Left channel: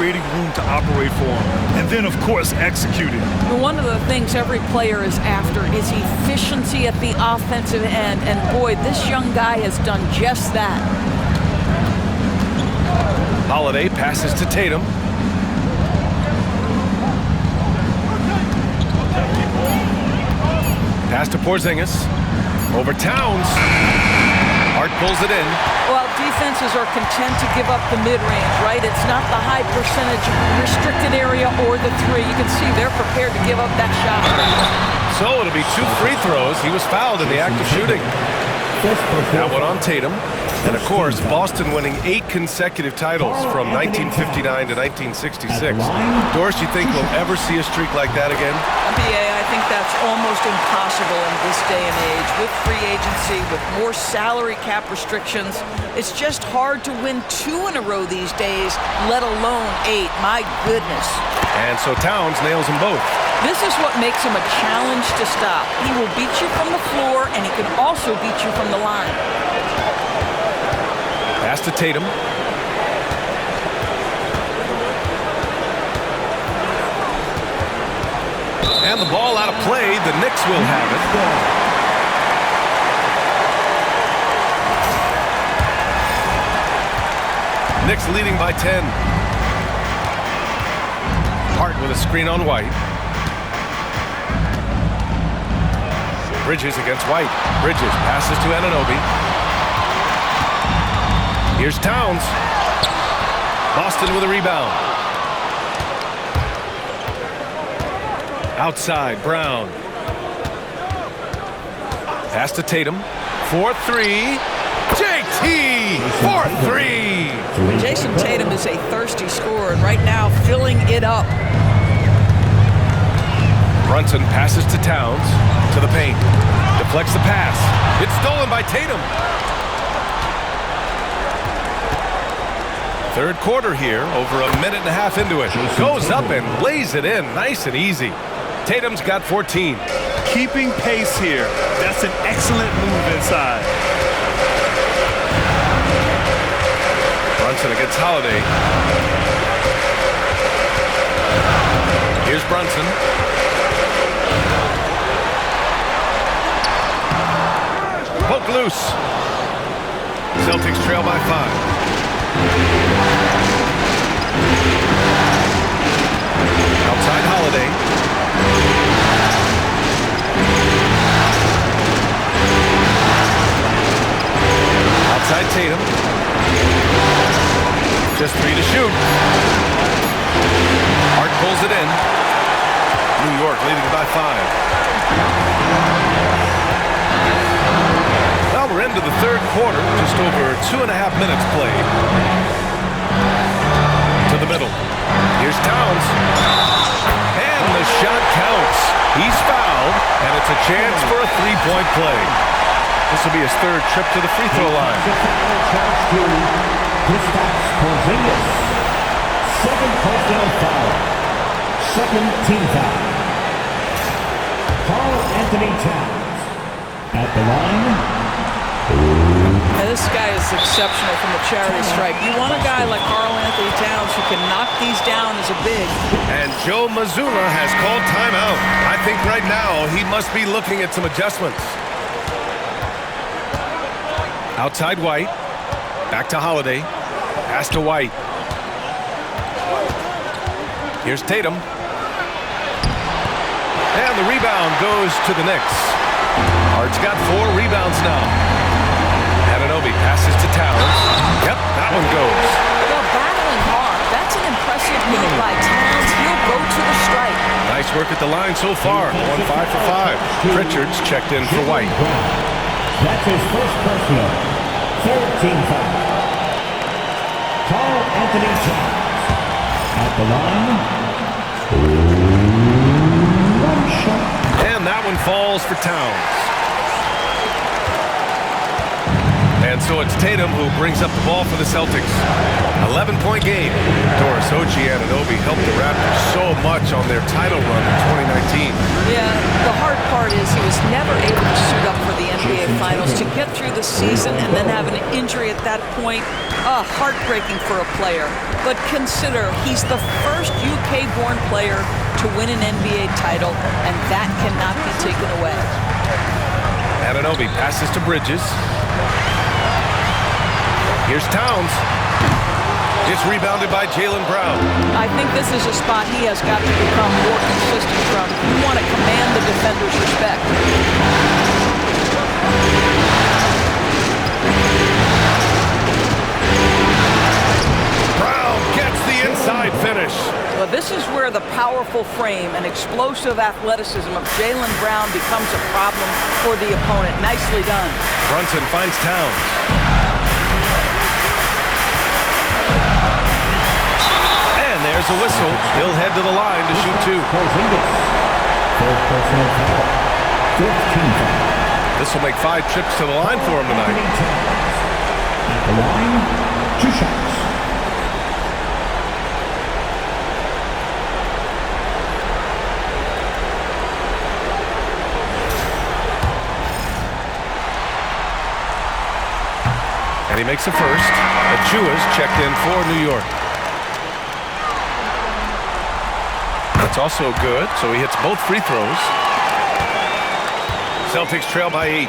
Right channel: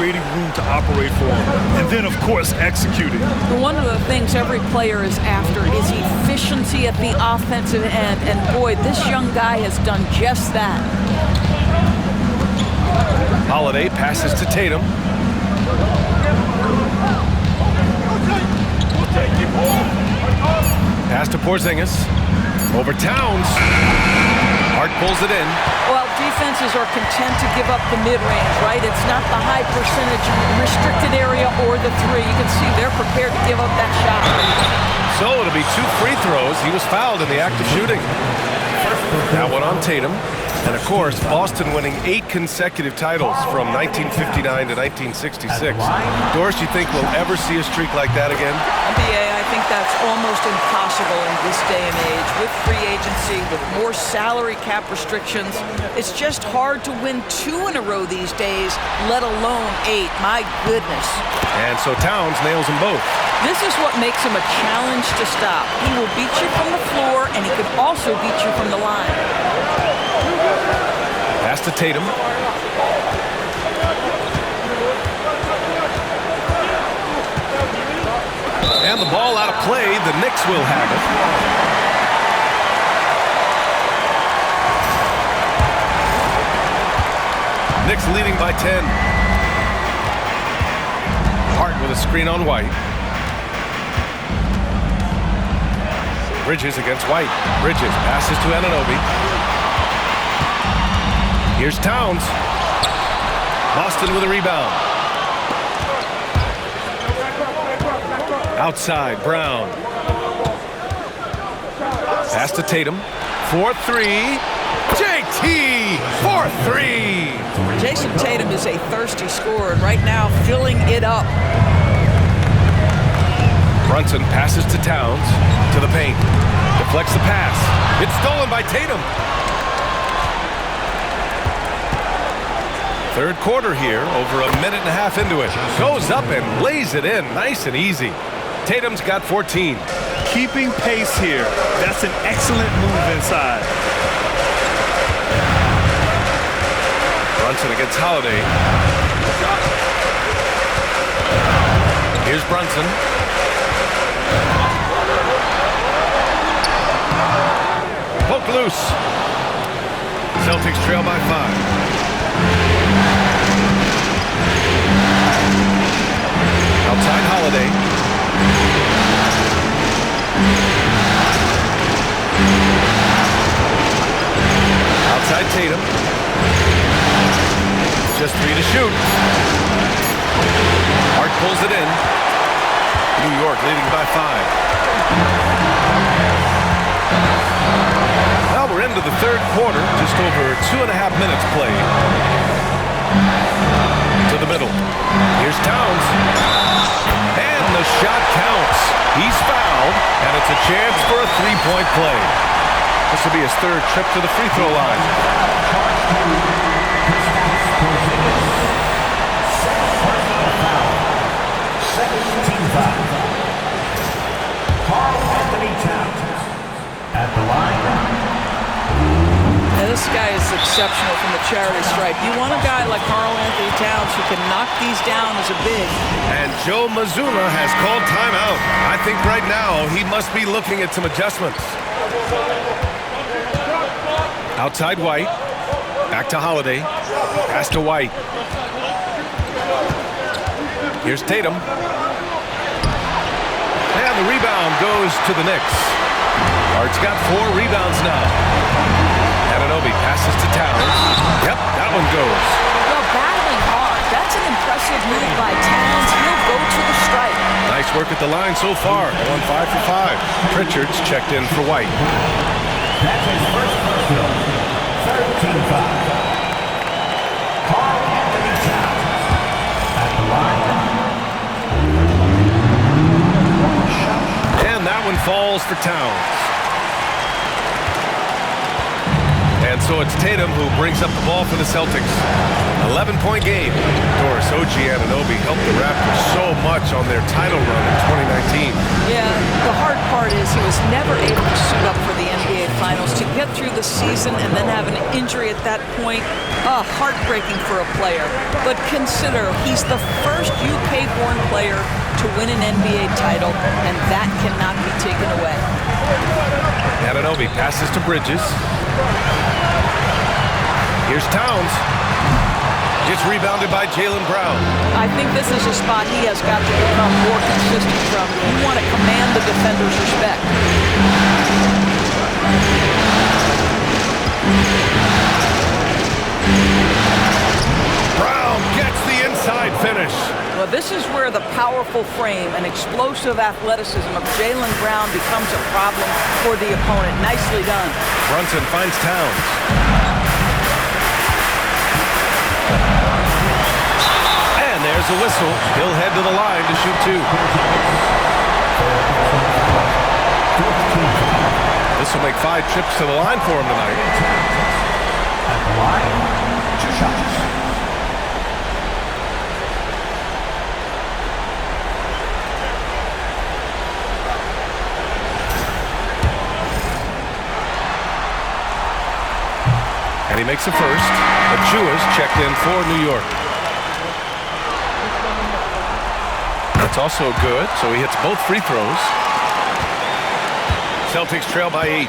creating room to operate for him, and then, of course, executing. One of the things every player is after is efficiency at the offensive end, and boy, this young guy has done just that. Holiday passes to Tatum. Pass to Porzingis. Over Towns. Hart pulls it in. Well, defenses are content to give up the mid-range, right? It's not the high percentage restricted area or the three. You can see they're prepared to give up that shot. So it'll be 2 free throws. He was fouled in the act of shooting. That one on Tatum. And of course, Boston winning 8 consecutive titles from 1959 to 1966. Doris, you think we'll ever see a streak like that again? NBA, I think that's almost impossible in this day and age. With free agency, with more salary cap restrictions, it's just hard to win 2 in a row these days, let alone 8. My goodness. And so Towns nails them both. This is what makes him a challenge to stop. He will beat you from the floor, and he can also beat you from the line. Pass to Tatum. And the ball out of play. The Knicks will have it. Knicks leading by 10. Hart with a screen on White. Bridges against White. Bridges passes to Anunoby. Here's Towns. Boston with a rebound. Outside, Brown. Pass to Tatum. 4-3. JT! 4-3! Jason Tatum is a thirsty scorer, and right now filling it up. Brunson passes to Towns. To the paint. Deflects the pass. It's stolen by Tatum. Third quarter here, over a minute and a half into it. Goes up and lays it in, nice and easy. Tatum's got 14. Keeping pace here. That's an excellent move inside. Brunson against Holiday. Here's Brunson. Poke loose. Celtics trail by 5. Outside Holiday. Outside Tatum. Just 3 to shoot. Hart pulls it in. New York leading by 5. Well, we're into the third quarter. Just over 2.5 minutes played. To the middle. Here's Towns. And the shot counts. He's fouled, and it's a chance for a 3-point play. This will be his 3rd trip to the free throw line. Second personal foul. Second team foul. Karl Anthony Towns at the line. Now, this guy is exceptional from the charity stripe. You want a guy like Karl Anthony Towns who can knock these down as a big. And Joe Mazzulla has called timeout. I think right now he must be looking at some adjustments. Outside White. Back to Holiday. Pass to White. Here's Tatum. And the rebound goes to the Knicks. Hart's got 4 rebounds now. Anunoby passes to Towns. Yep, that one goes. Well, battling hard. That's an impressive move by Towns. He'll go to the stripe. Nice work at the line so far. Going 5 for 5. Pritchard's checked in for White. That's his first personal. 13 foul. Karl Anthony Towns at the line. 1 shot. And that one falls for Towns. And so it's Tatum who brings up the ball for the Celtics. 11-point game. Doris Ojiananobi helped the Raptors so much on their title run in 2019. Yeah, the hard part is he was never able to suit up for the NBA Finals. To get through the season and then have an injury at that point, heartbreaking for a player. But consider, he's the first UK-born player to win an NBA title, and that cannot be taken away. Ananobi passes to Bridges. Here's Towns. It's rebounded by Jaylen Brown. I think this is a spot he has got to become more consistent from. You want to command the defender's respect. Brown gets the inside finish. Well, this is where the powerful frame and explosive athleticism of Jaylen Brown becomes a problem for the opponent. Nicely done. Brunson finds Towns. And there's a whistle. He'll head to the line to shoot two. This will make 5 trips to the line for him tonight. At the line, 2 shots. And he makes a first. Achua's checked in for New York. That's also good, so he hits both free throws. Celtics trail by 8.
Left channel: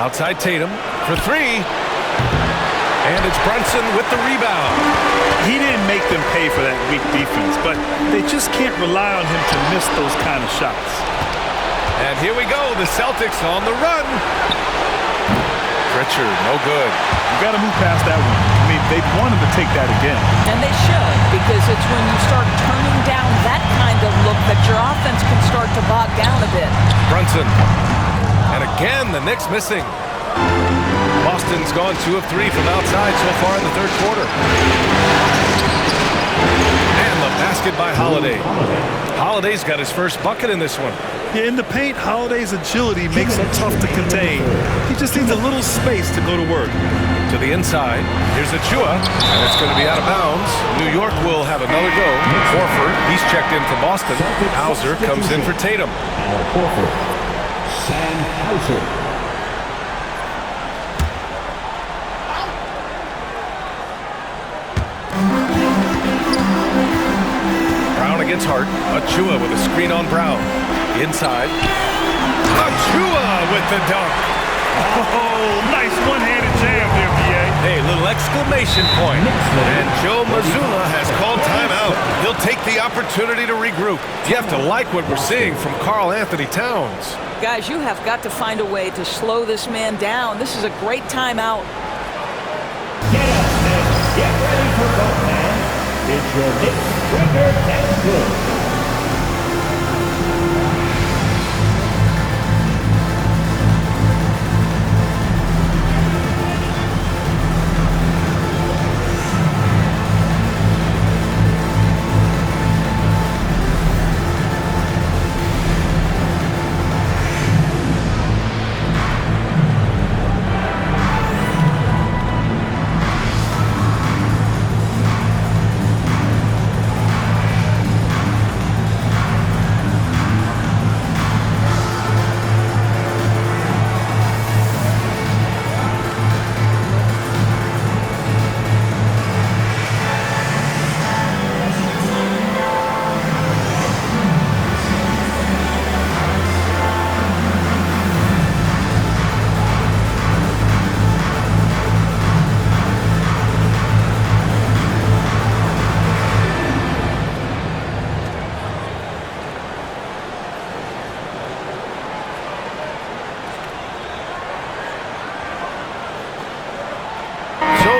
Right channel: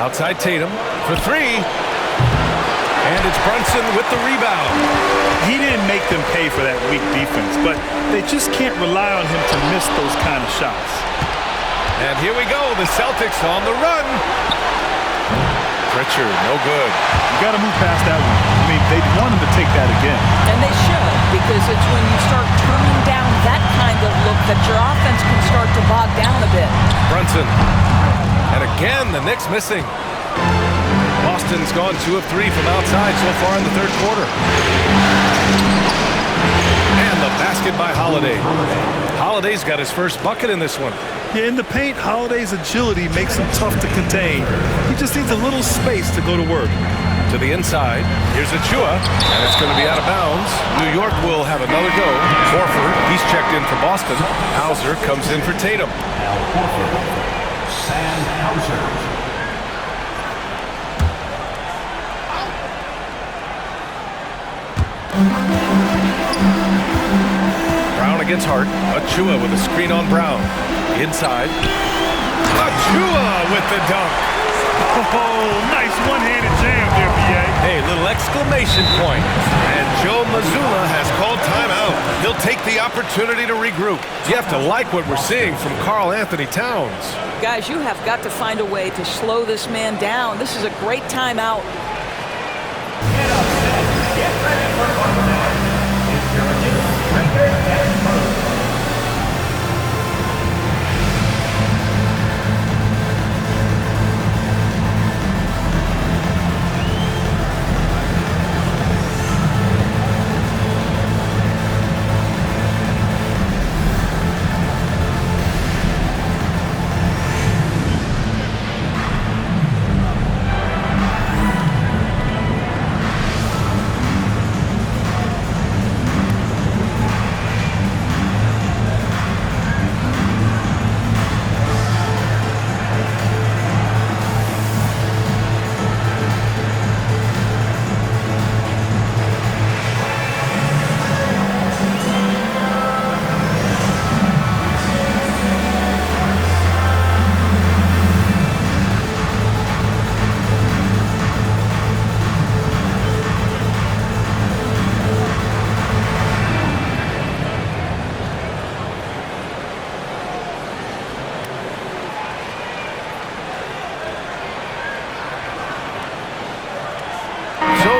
Outside Tatum for 3. And it's Brunson with the rebound. He didn't make them pay for that weak defense, but they just can't rely on him to miss those kind of shots. And here we go, the Celtics on the run. Pritchard, no good. You got to move past that one. I mean, they'd want him to take that again. And they should, because it's when you start turning down that kind of look that your offense can start to bog down a bit. Brunson. And again, the Knicks missing. Boston's gone 2 of 3 from outside so far in the third quarter. And the basket by Holiday. Holiday's got his first bucket in this one. Yeah, in the paint, Holiday's agility makes him tough to contain. He just needs a little space to go to work. To the inside, here's Achua, and it's going to be out of bounds. New York will have another go. Horford, he's checked in for Boston. Hauser comes in for Tatum. Horford. Sam Hauser. Brown against Hart. Achua with a screen on Brown. Inside. Achua with the dunk. Oh, nice one-handed jam there, B.A. Hey, little exclamation point. And Joe Mazzulla has called timeout. He'll take the opportunity to regroup. You have to like what we're seeing from Karl Anthony Towns. Guys, you have got to find a way to slow this man down. This is a great timeout. Get up, Nets. Get ready for fun, man. It's your Knicks Winter Test Crew.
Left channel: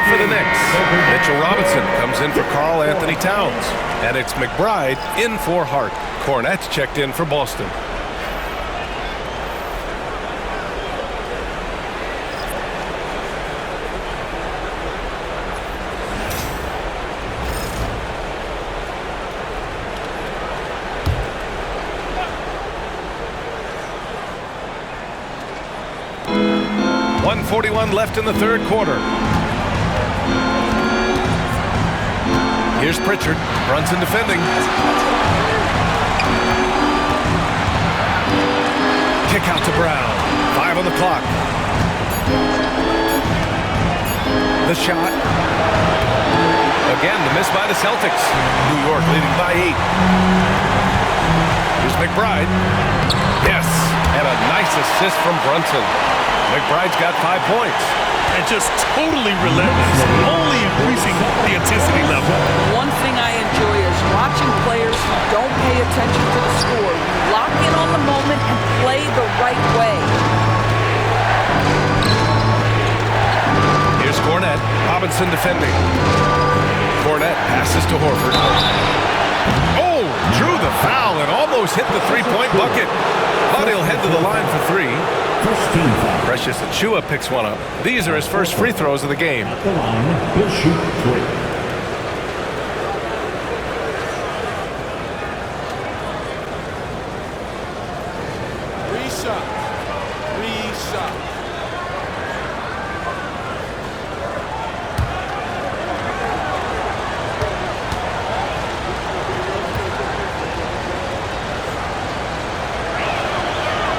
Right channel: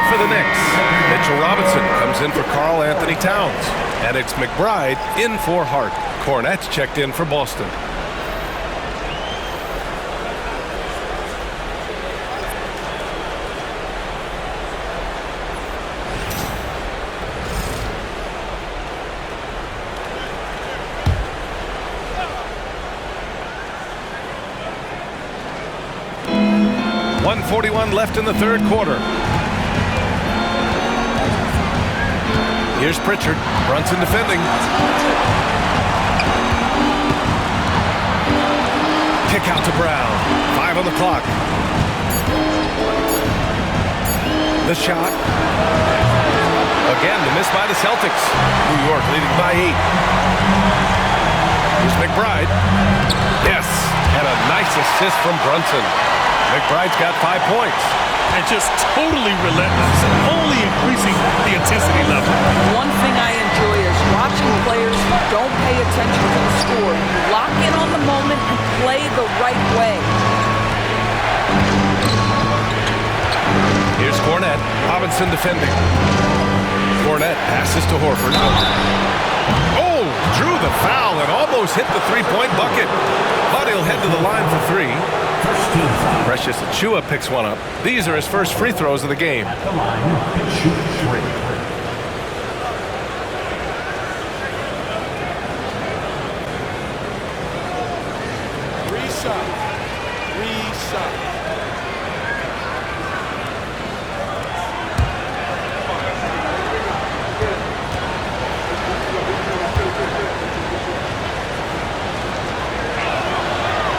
For the Knicks, Mitchell Robinson comes in for Karl Anthony Towns. And it's McBride in for Hart. Cornette's checked in for Boston. .141 left in the third quarter. Here's Pritchard. Brunson defending. Kick out to Brown. 5 on the clock. The shot. Again, the miss by the Celtics. New York leading by 8. Here's McBride. Yes, and a nice assist from Brunson. McBride's got 5 points. And just totally relentless, only increasing the intensity level. One thing I enjoy is watching players who don't pay attention to the score. You lock in on the moment and play the right way. Here's Cornette. Robinson defending. Cornette passes to Horford. Oh, drew the foul and almost hit the three-point bucket. But he'll head to the line for 3. First team foul. Precious Achiuwa picks one up. These are his first free throws of the game. At the line, he'll shoot 3. Reset.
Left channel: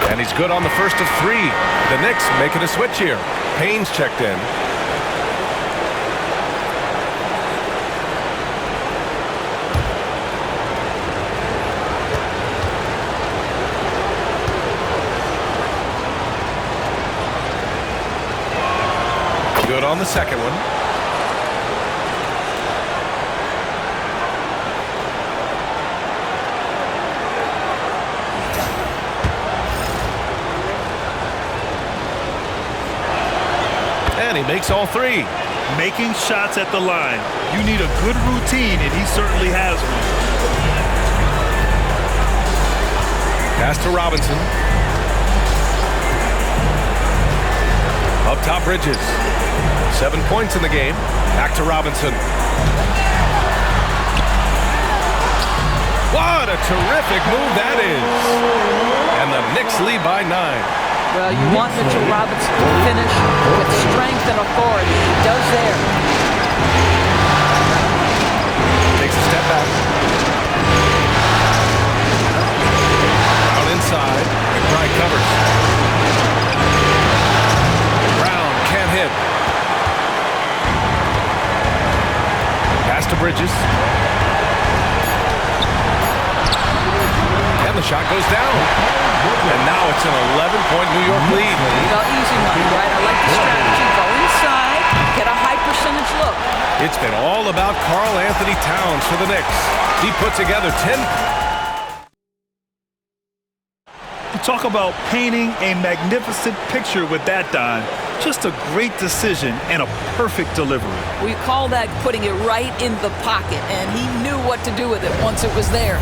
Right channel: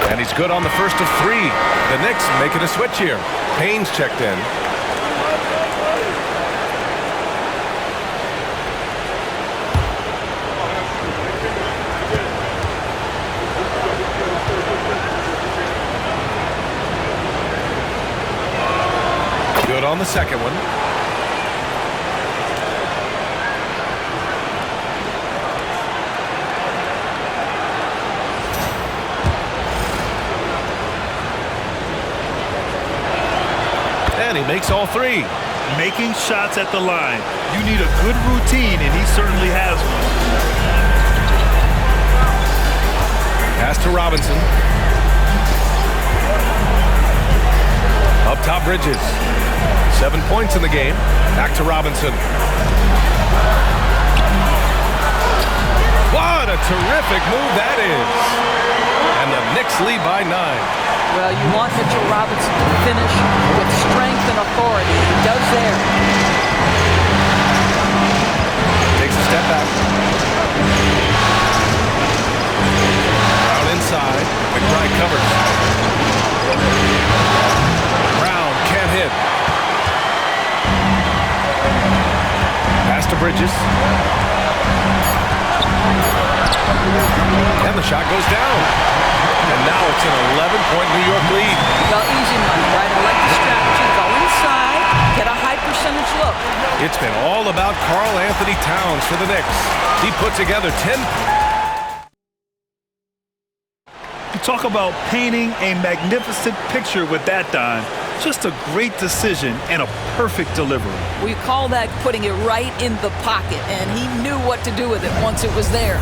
And he's good on the first of 3. The Knicks making a switch here. Payne's checked in. Good on the second one. And he makes all 3. Making shots at the line. You need a good routine, and he certainly has one. Pass to Robinson. Up top, Bridges. 7 points in the game. Back to Robinson. What a terrific move that is. And the Knicks lead by 9. Well, you want Mitchell Robinson to finish with strength and authority. He does there. Takes a step back. Brown inside. McBride covers. Brown can't hit. Pass to Bridges. And the shot goes down. And now it's an 11-point New York lead. Well, easy money, right? I like the strategy. Go inside, get a high percentage look. It's been all about Karl Anthony Towns for the Knicks. He put together 10. You talk about painting a magnificent picture with that, Don. Just a great decision and a perfect delivery. We call that putting it right in the pocket, and he knew what to do with it once it was there.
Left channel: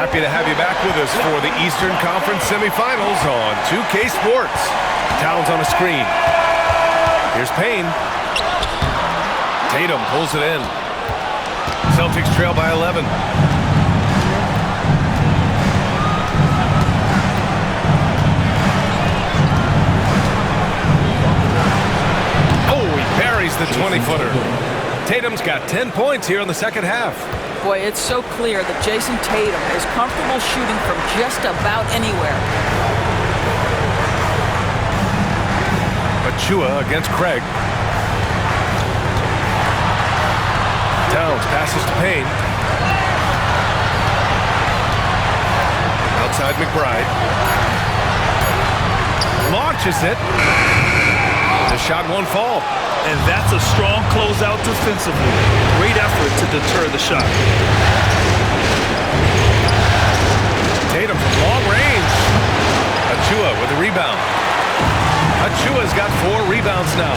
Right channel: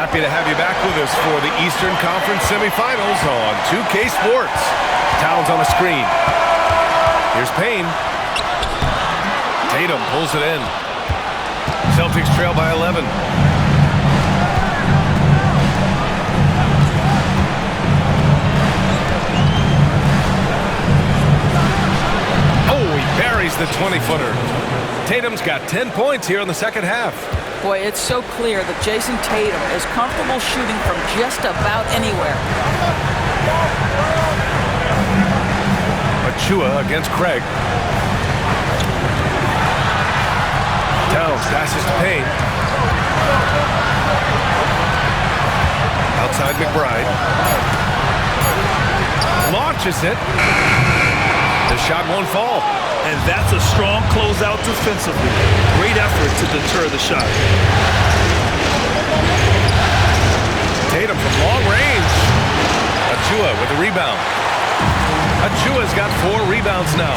Happy to have you back with us for the Eastern Conference semifinals on 2K Sports. Towns on a screen. Here's Payne. Tatum pulls it in. Celtics trail by 11. Oh, he buries the 20-footer. Tatum's got 10 points here in the second half. Boy, it's so clear that Jason Tatum is comfortable shooting from just about anywhere. Achiuwa against Craig. Towns passes to Payne. Outside McBride. Launches it. The shot won't fall. And that's a strong closeout defensively. Great effort to deter the shot. Tatum from long range. Achiuwa with a rebound. Achiuwa's got 4 rebounds now.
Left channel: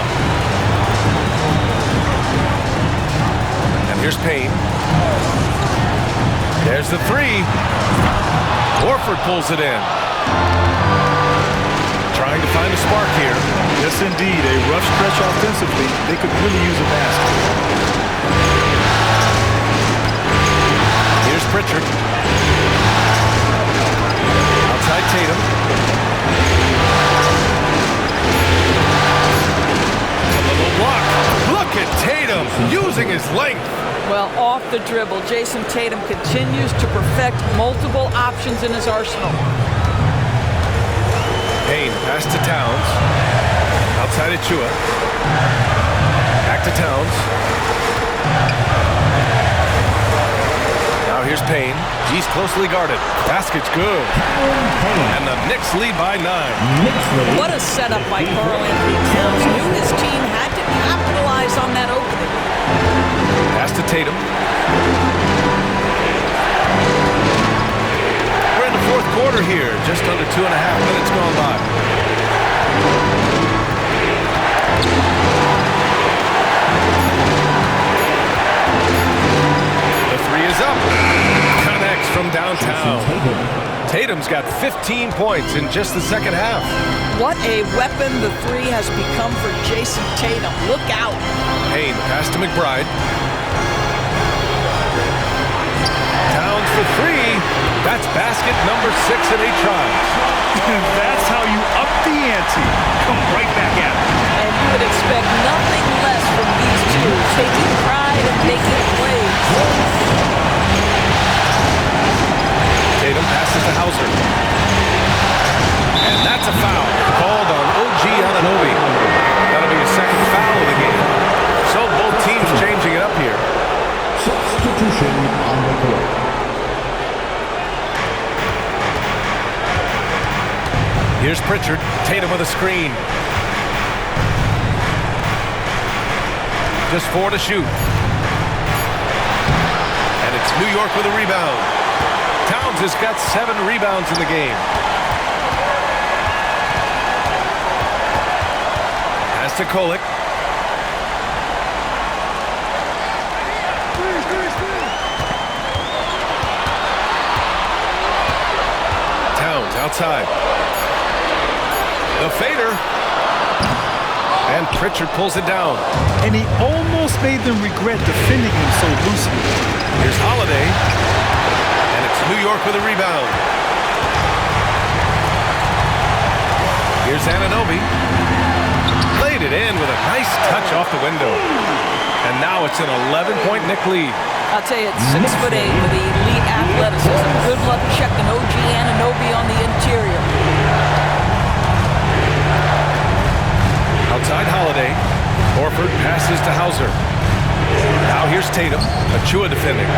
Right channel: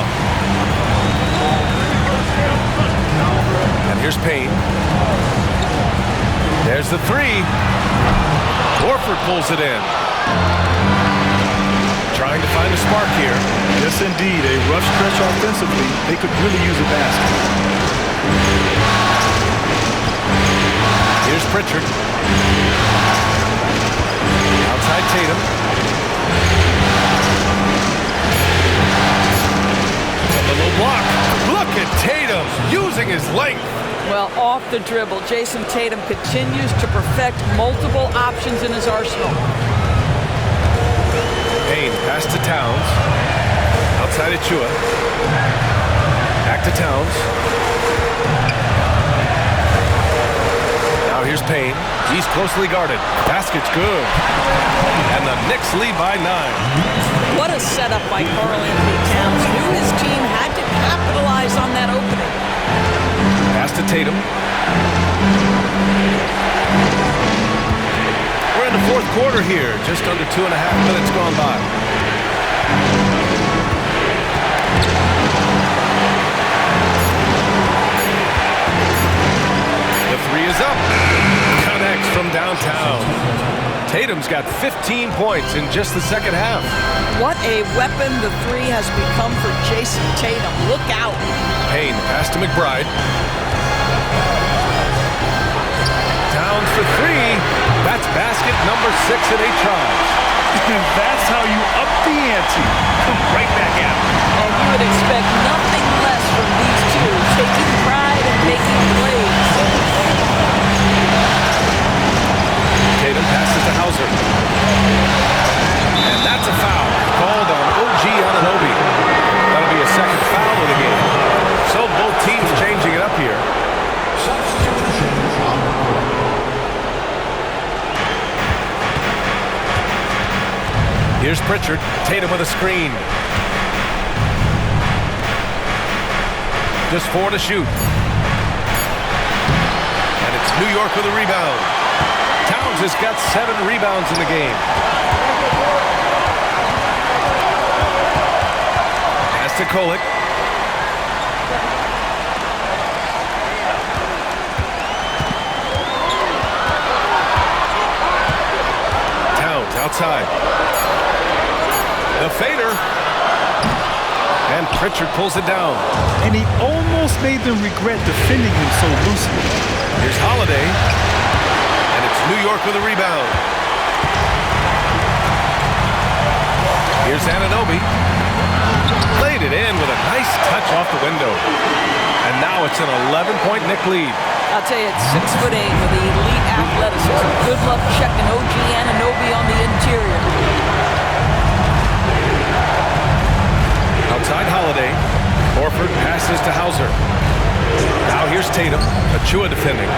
And here's Payne. There's the 3. Horford pulls it in. Trying to find a spark here. Yes, indeed. A rough stretch offensively. They could really use a basket. Here's Pritchard. Outside Tatum. Tatum using his length. Well, off the dribble, Jason Tatum continues to perfect multiple options in his arsenal. Payne, pass to Towns. Outside of Chua. Back to Towns. Now here's Payne. He's closely guarded. Basket's good. And the Knicks lead by 9. What a setup by Karl Anthony Towns. Knew his team had to capitalize on that opening. Pass to Tatum. We're in the fourth quarter here. Just under 2.5 minutes gone by. The three is up. Connects from downtown. Tatum's got 15 points in just the second half. What a weapon the three has become for Jason Tatum. Look out. Payne, pass to McBride. Towns for three. That's basket number 6 in 8 tries. That's how you up the ante. Come right back at it. And you would expect nothing less from these two, taking pride and making plays. Tatum passes to Hauser. And that's a foul called on OG Anunoby. That'll be a second foul of the game. So both teams changing it up here. Substitution on the court. Here's Pritchard. Tatum with a screen. Just 4 to shoot. And it's New York with a rebound. Towns has got 7 rebounds in the game. Pass to Kolek. Towns outside. The fader. And Pritchard pulls it down. And he almost made them regret defending him so loosely. Here's Holiday. And it's New York with a rebound. Here's Anunoby. Played it in with a nice touch off the window. And now it's an 11-point Knick lead. I'll tell you, it's 6'8" with elite athleticism. Good luck checking OG Anunoby on the interior. Outside Holiday. Horford passes to Hauser. Now here's Tatum. Achua defending.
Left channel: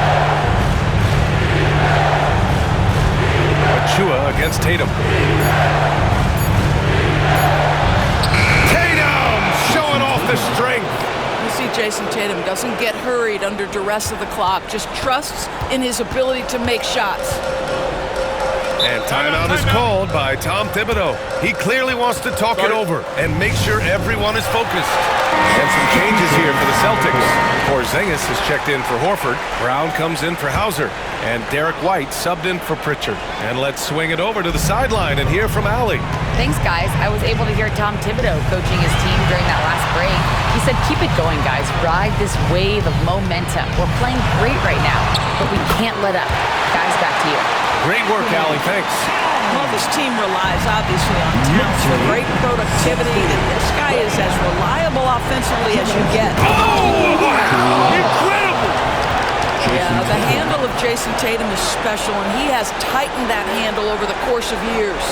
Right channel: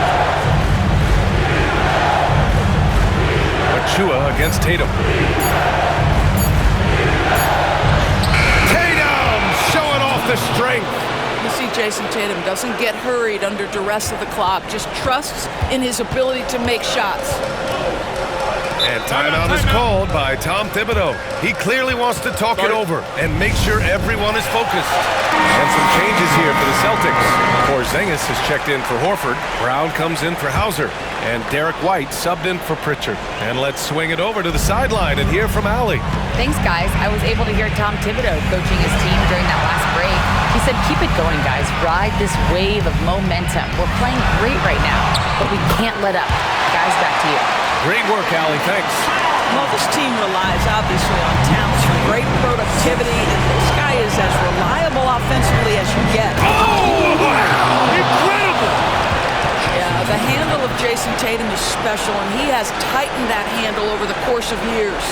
Achua against Tatum. Tatum showing off the strength. You see, Jason Tatum doesn't get hurried under duress of the clock, just trusts in his ability to make shots. And timeout is called by Tom Thibodeau. He clearly wants to talk it over and make sure everyone is focused. And some changes here for the Celtics. Porzingis has checked in for Horford. Brown comes in for Hauser. And Derek White subbed in for Pritchard. And let's swing it over to the sideline and hear from Allie. Thanks, guys. I was able to hear Tom Thibodeau coaching his team during that last break. He said, keep it going, guys. Ride this wave of momentum. We're playing great right now, but we can't let up. Guys, back to you. Great work, Allie. Thanks. Well, this team relies obviously on Towns for great productivity, and this guy is as reliable offensively as you get. Oh! Incredible! Yeah, the handle of Jason Tatum is special, and he has tightened that handle over the course of years.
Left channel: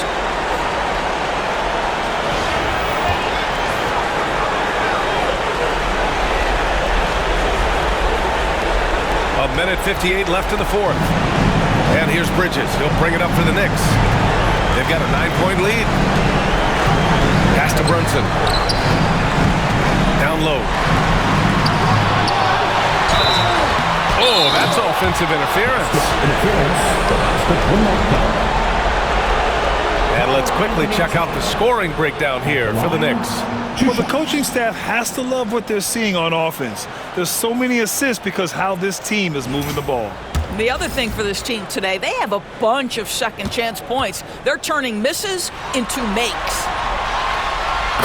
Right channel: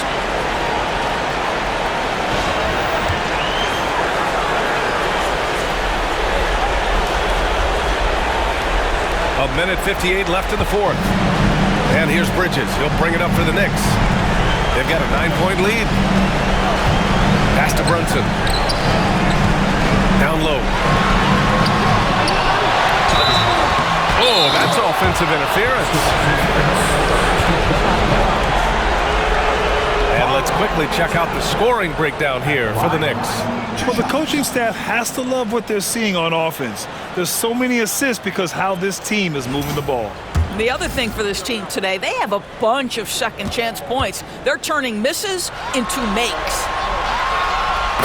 A minute 58 left in the fourth. And here's Bridges. He'll bring it up for the Knicks. They've got a 9-point lead. Pass to Brunson. Down low. Oh, that's offensive interference. And let's quickly check out the scoring breakdown here for the Knicks. Well, the coaching staff has to love what they're seeing on offense. There's so many assists because how this team is moving the ball. The other thing for this team today, they have a bunch of second chance points. They're turning misses into makes.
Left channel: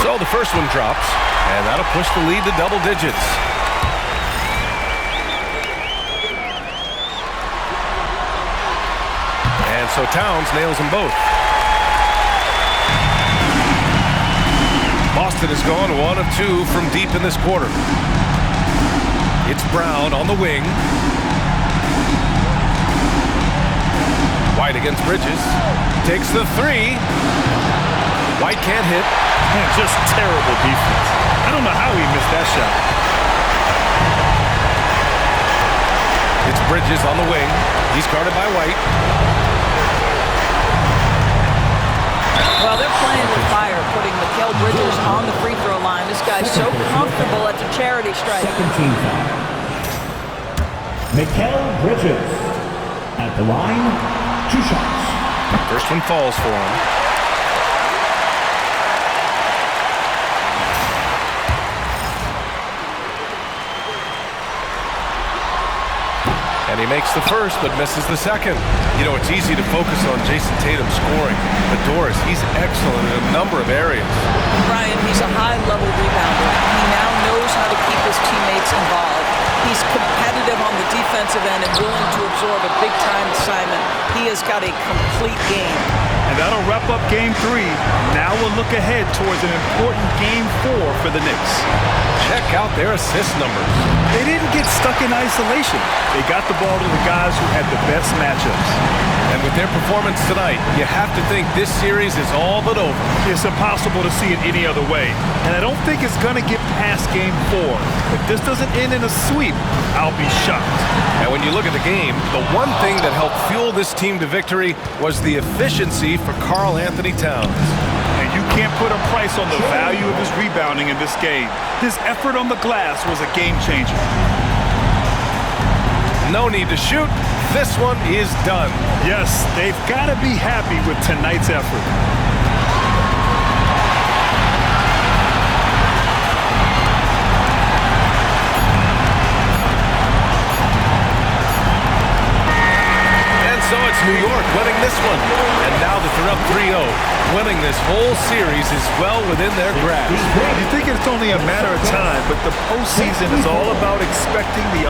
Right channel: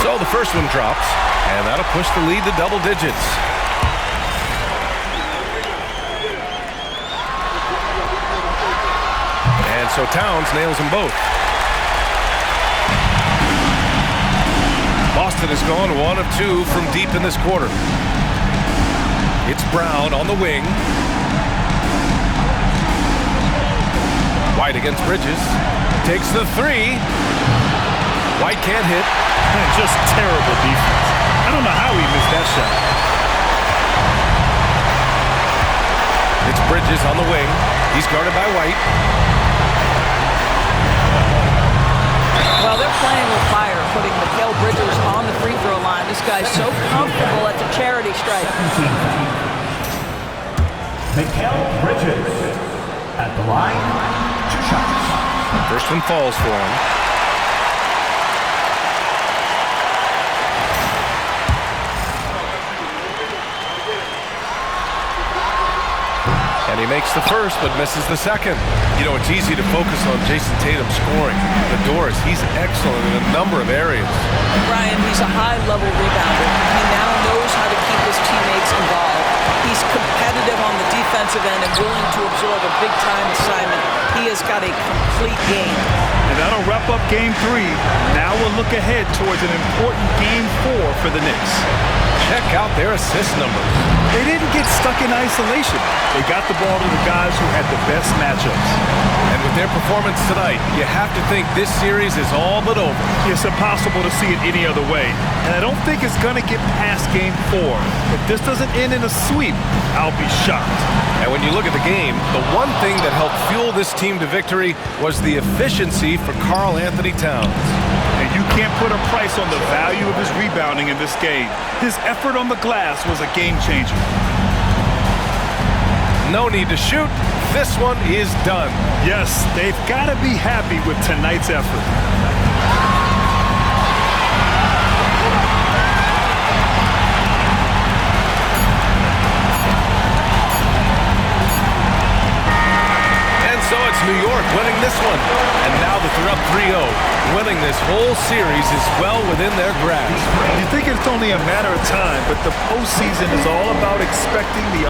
So the first one drops, and that'll push the lead to double digits. And so Towns nails them both. Boston has gone 1 of 2 from deep in this quarter. It's Brown on the wing. White against Bridges. Takes the three. White can't hit. Man, just terrible defense. I don't know how he missed that shot. It's Bridges on the wing. He's guarded by White. Well, they're playing with fire, putting Mikal Bridges on the free throw line. This guy's so comfortable at the charity stripe. 17 foul. Mikal Bridges at the line, 2 shots. First one falls for him. And he makes the first, but misses the second. You know, it's easy to focus on Jason Tatum scoring. But Doris, he's excellent in a number of areas. And Brian, he's a high-level rebounder. He now knows how to keep his teammates involved. He's competitive on the defensive end and willing to absorb a big-time assignment. He has got a complete game. And that'll wrap up Game 3. Now we'll look ahead towards an important Game 4 for the Knicks. Check out their assist numbers. They didn't get stuck in isolation. They got the ball to the guys who had the best matchups. And with their performance tonight, you have to think this series is all but over. It's impossible to see it any other way. And I don't think it's going to get past Game 4. If this doesn't end in a sweep, I'll be shocked. And when you look at the game, the one thing that helped fuel this team to victory was the efficiency for Karl Anthony Towns. And you can't put a price on the value of his rebounding in this game. His effort on the glass was a game changer. No need to shoot. This one is done. Yes, they've got to be happy with tonight's effort. And so it's New York winning this one. And now that they're up 3-0, winning this whole series is well within their grasp. You think it's only a matter of time, but the postseason is all about expecting the